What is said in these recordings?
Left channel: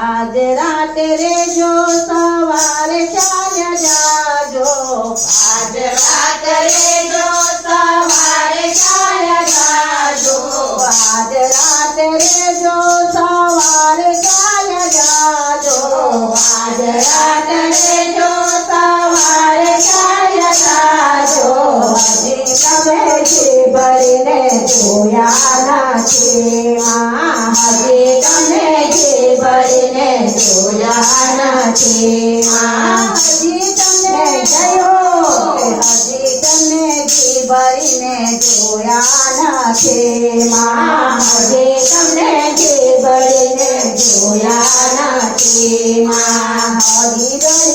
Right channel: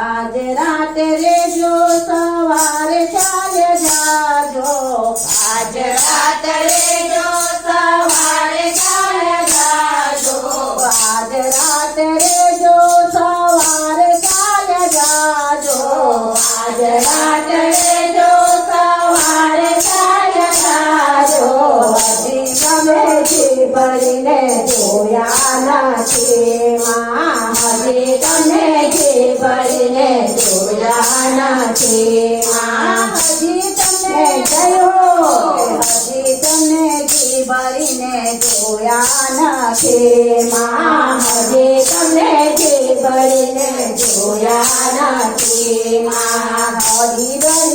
આજ રાતે રે જો સવારે જી ભરીને જોયા નથી માં હજી તમને જયો હજી તમે જી ભરીને જોયા નથી માં હજી તમને જી ભરીને જોયા નથી માં હજી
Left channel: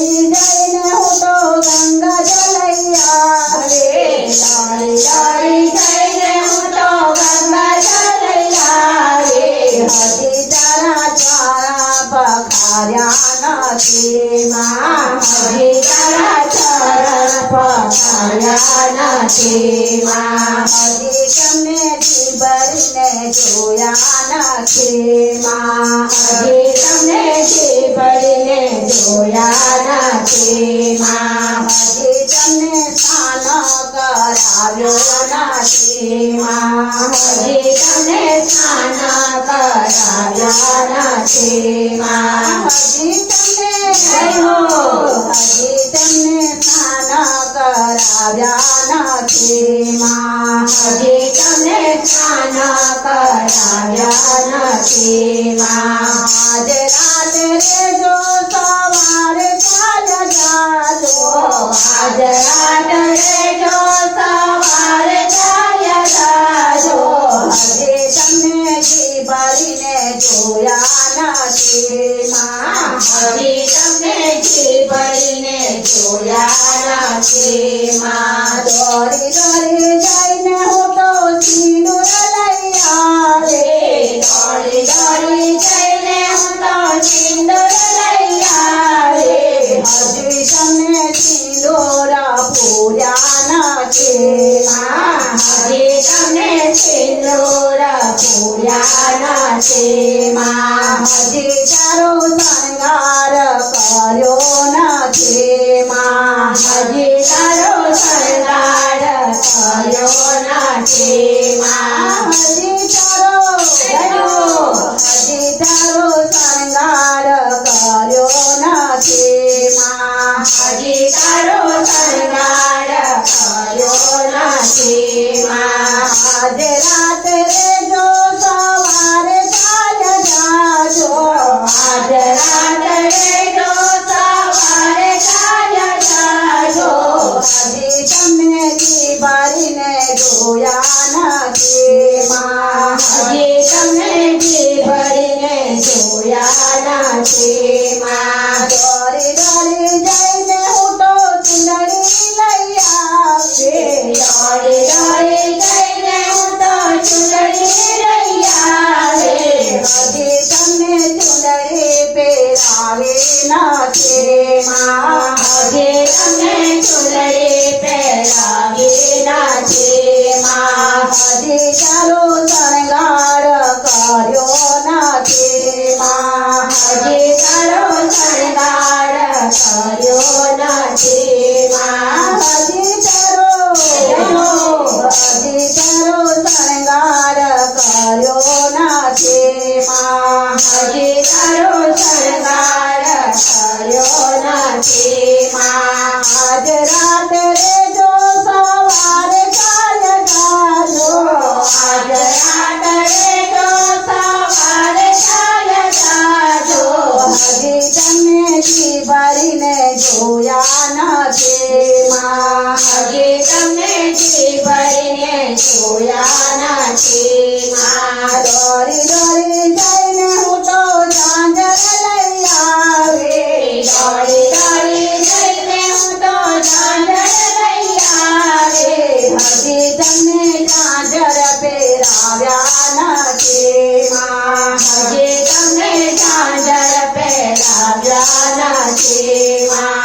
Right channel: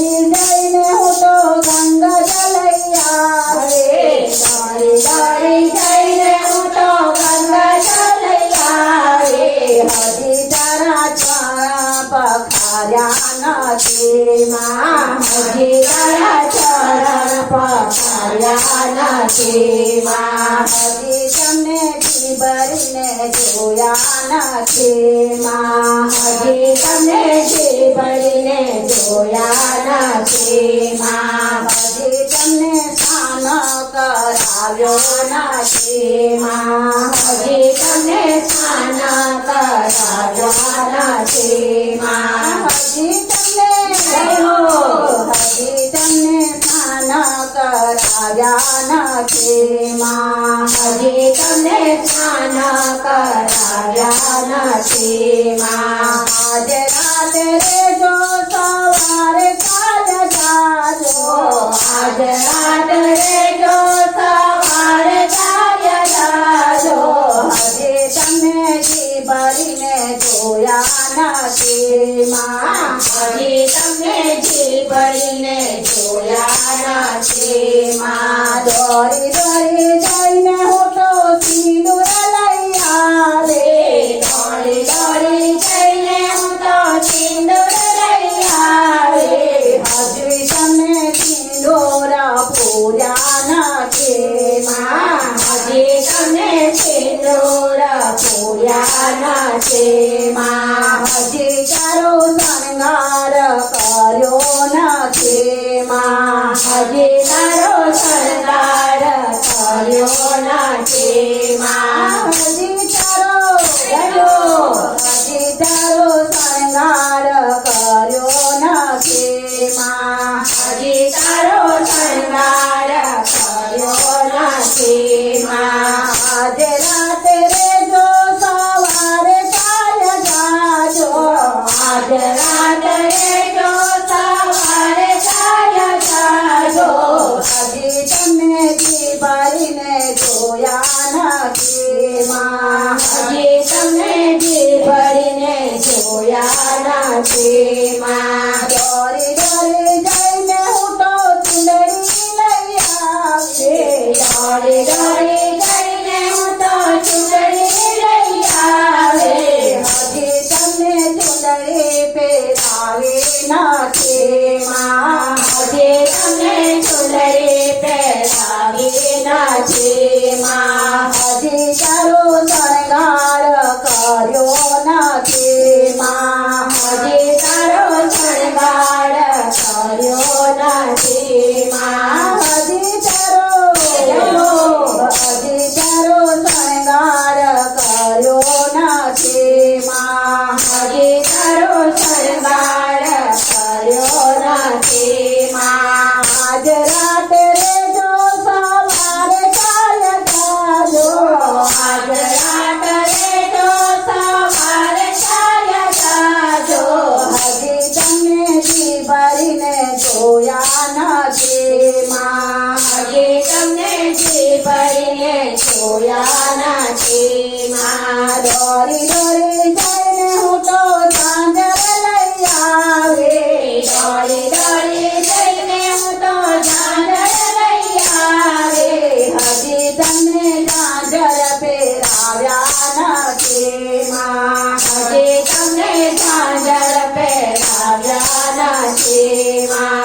પખાર્યા નથી માં હજી તારા તારા પખાર્યા નથી માં હજી તમને જીભરીને જોયા નથી માં હજી તમને જીભરીને જોયા નથી માં હજી તમને સ્નાન કરાવ્યો નથી માં હજી તમને સ્નાન કરાવ્યા નથી કરાવ્યા નથી માં હજી તમને સ્નાન કરાવ્યા નથી માં આજે રાતે રે જો સવારે કાલ જાજો આજ રાત માં દોરી દોરી જઈને હું તો સિંદૂર લઈ આવે દોડી દોડી જઈને હું તો સિંદૂર લઈ કર્યો માં હજી તારો શણગાર કર્યો નથી માં હજી તારો ગયો હજી તારો શણગાર કર્યો નથી માં હજી તારો શણગાર કર્યો નથી માં આજે નથી માં હજી 的希望。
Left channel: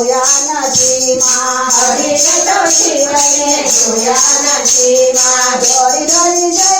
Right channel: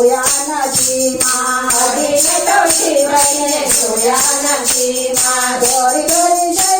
गोया नदी मारे शिवने गोया नदी मा गरी गरी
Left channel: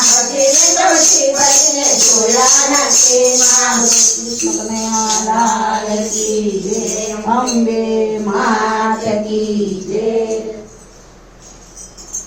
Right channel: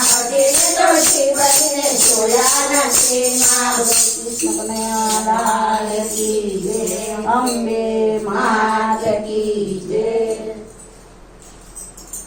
છે મહારાજ કી જય અંબે માત કી જય